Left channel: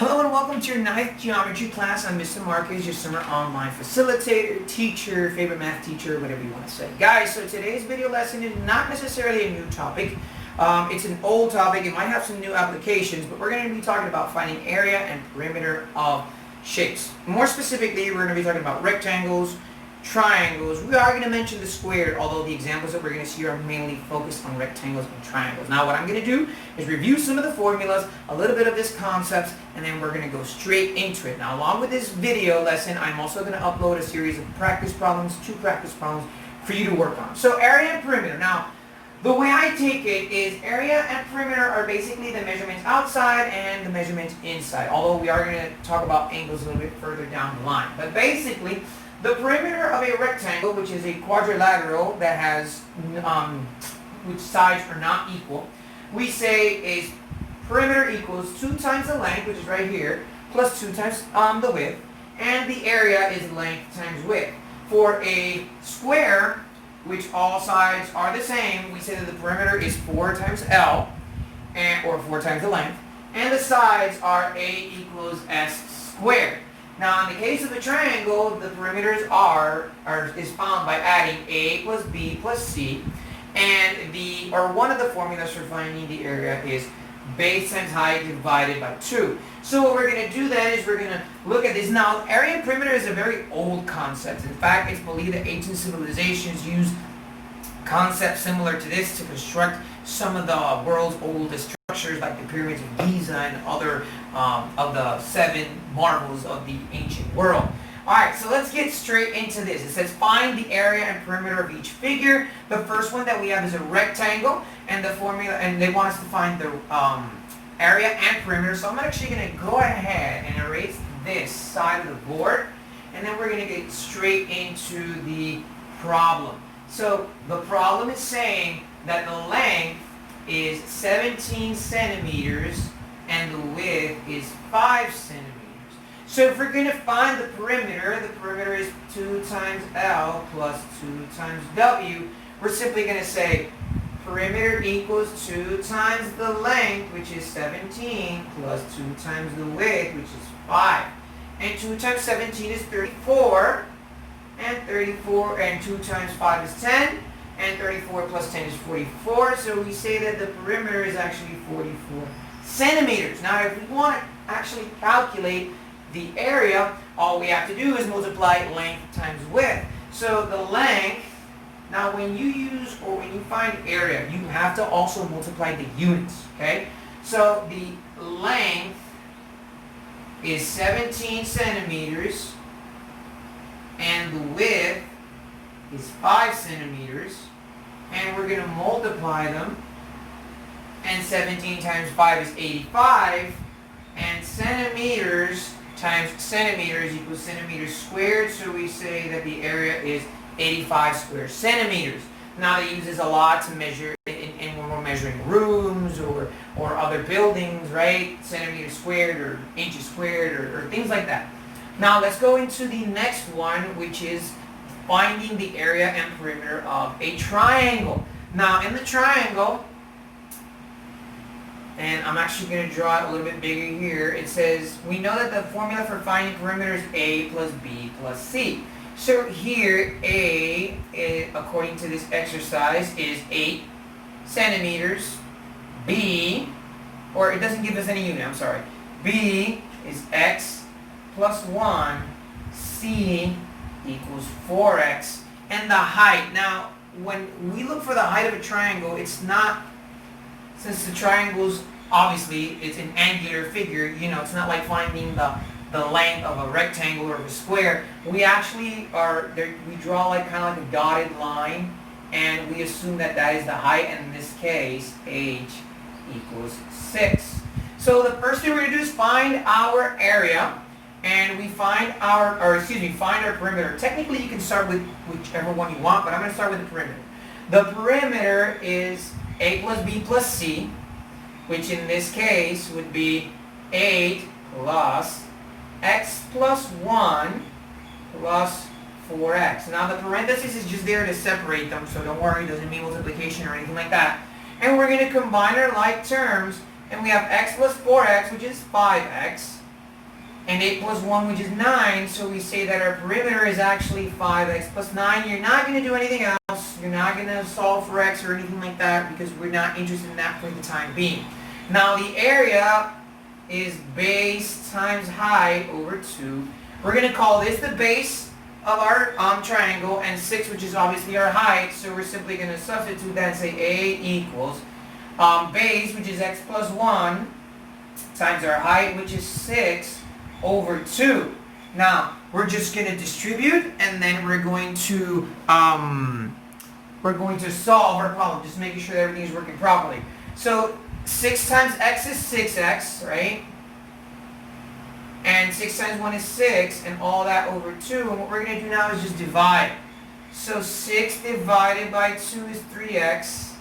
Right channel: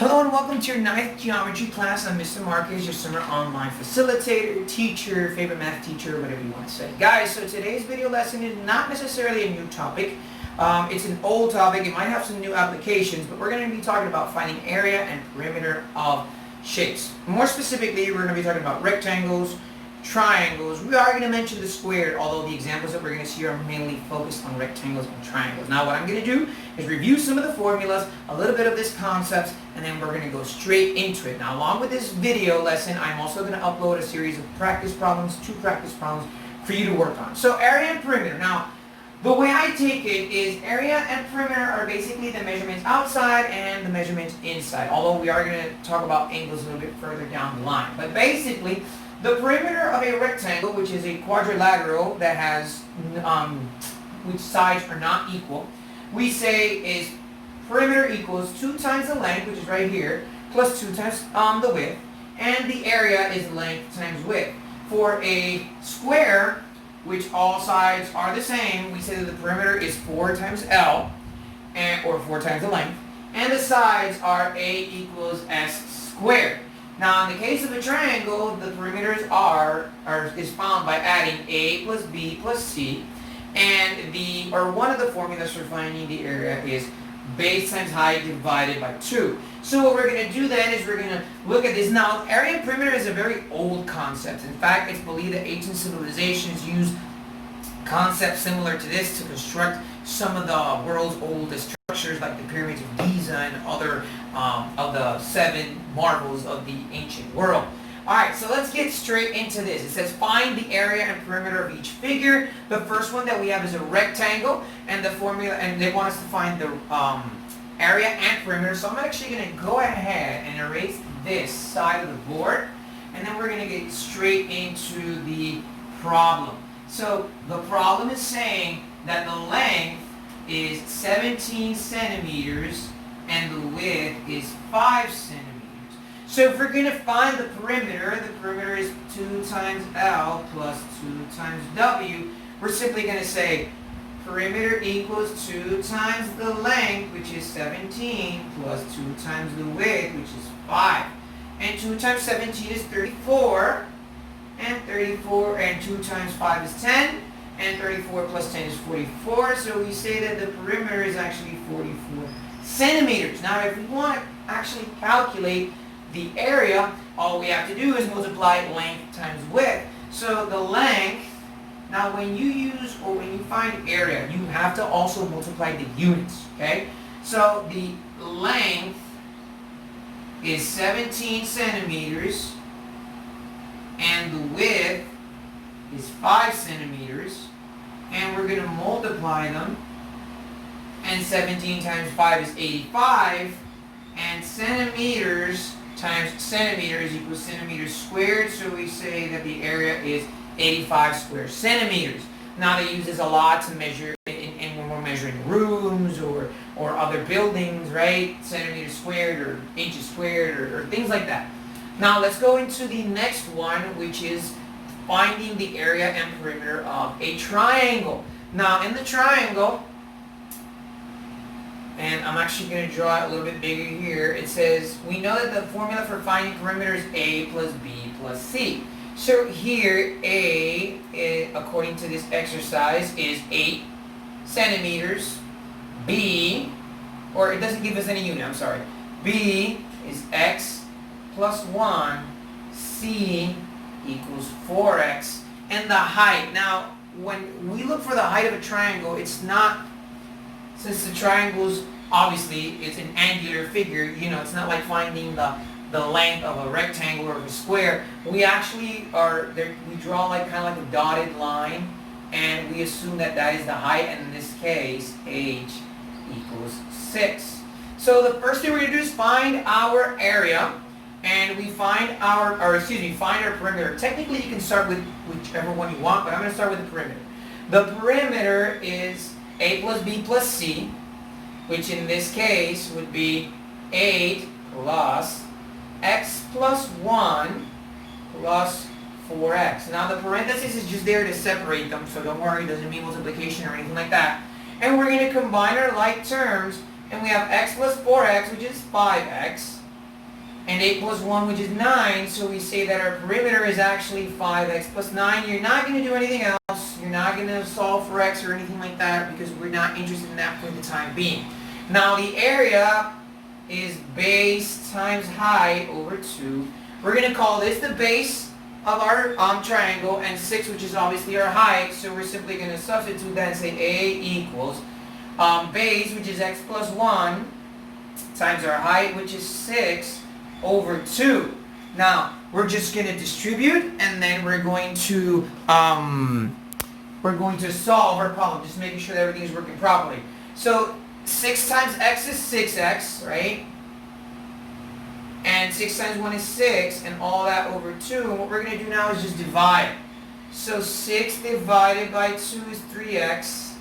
Hello and welcome to your 9th geometry class. I'm Mr. Marquez, your summer online facilitator, teacher, favorite math teacher, whatever you want to say. Guys, so today's video lesson is not necessarily a new topic. It's an old topic. It might have some new applications, but we're going to be talking about finding area and perimeter of shapes. More specifically, we're going to be talking about rectangles, triangles. We are going to mention the square, although the examples that we're going to see are mainly focused on rectangles and triangles. Now what I'm going to do is review some of the formulas, a little bit of this concepts, and then we're going to go straight into it. Now along with this video lesson, I'm also going to upload a series of practice problems, 2 practice problems for you to work on. So area and perimeter. Now the way I take it is area and perimeter are basically the measurements outside and the measurements inside, although we are going to talk about angles a little bit further down the line. But basically, the perimeter of a rectangle, which is a quadrilateral that has, which sides are not equal, we say is perimeter equals 2 times the length, which is right here, plus 2 times the width, and the area is length times width. For a square, which all sides are the same, we say that the perimeter is 4 times L, or 4 times the length, and the sides are A equals S squared. Now, in the case of a triangle, the perimeters is found by adding A plus B plus C, and one of the formulas for finding the area is base times height divided by 2. So what we're going to do then is we're going to look at this. Now, area and perimeter is a very old concept. In fact, it's believed that ancient civilizations used concepts similar to this to construct some of the world's oldest structures, like the pyramids of Giza and other of the 7 marvels of the ancient world. Alright, so let's get straight into this. It says find the area and perimeter of each figure. The first one that we have is a rectangle, and the formula, and they want us to find the area and perimeter. So I'm actually going to go ahead and erase this side of the board, and then we're going to get straight into the problem. So the problem is saying that the length is 17 centimeters and the width is 5 centimeters. So if we're going to find the perimeter is 2 times L plus 2 times W. We're simply going to say perimeter equals 2 times the length, which is 17, plus 2 times the width, which is 5. And 2 times 17 is 34, and 2 times 5 is 10. And 34 plus 10 is 44, so we say that the perimeter is actually 44 centimeters. Now, if we want to actually calculate the area, all we have to do is multiply length times width. So the length, now when you find area, you have to also multiply the units, okay? So the length is 17 centimeters, and the width is 5 centimeters, and we're going to multiply them, and 17 times 5 is 85, and centimeters times centimeters equals centimeters squared, so we say that the area is 85 square centimeters. Now they use this a lot to measure in when we're measuring rooms or other buildings, right? Centimeters squared or inches squared or things like that. Now let's go into the next one, which is finding the area and perimeter of a triangle. Now in the triangle, and I'm actually going to draw it a little bit bigger here, it says we know that the formula for finding perimeter is A plus B plus C. So here A, according to this exercise, is 8 centimeters. B, or it doesn't give us any unit, I'm sorry. B is X plus 1. C equals 4x, and the height. Now, when we look for the height of a triangle, it's not, since the triangles, obviously, it's an angular figure, you know, it's not like finding the length of a rectangle or of a square. We actually we draw like kind of like a dotted line, and we assume that that is the height, and in this case, h equals 6. So the first thing we're going to do is find our area. And we find our perimeter. Technically, you can start with whichever one you want, but I'm going to start with the perimeter. The perimeter is A plus B plus C, which in this case would be 8 plus X plus 1 plus 4X. Now, the parenthesis is just there to separate them, so don't worry, it doesn't mean multiplication or anything like that. And we're going to combine our like terms, and we have X plus 4X, which is 5X, and 8 plus 1, which is 9, so we say that our perimeter is actually 5x plus 9. You're not going to do anything else. You're not going to solve for x or anything like that because we're not interested in that for the time being. Now the area is base times height over 2. We're going to call this the base of our triangle, and 6, which is obviously our height, so we're simply going to substitute that and say A equals base, which is x plus 1, times our height, which is 6, over 2. Now, we're just going to distribute, and then we're going to solve our problem, just making sure that everything is working properly. So 6 times x is 6x, right? And 6 times 1 is 6, and all that over 2. And what we're going to do now is just divide. So 6 divided by 2 is 3x,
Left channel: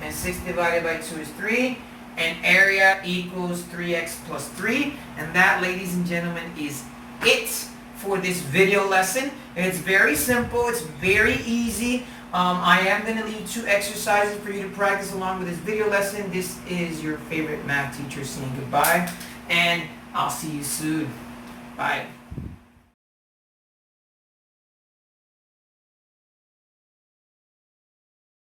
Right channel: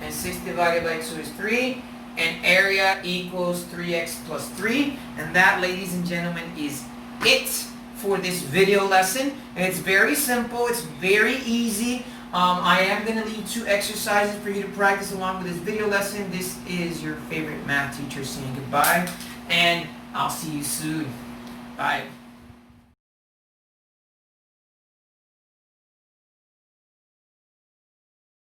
and 6 divided by 2 is 3, and area equals 3x plus 3. And that, ladies and gentlemen, is it for this video lesson. And it's very simple. It's very easy. I am going to leave 2 exercises for you to practice along with this video lesson. This is your favorite math teacher saying goodbye, and I'll see you soon. Bye.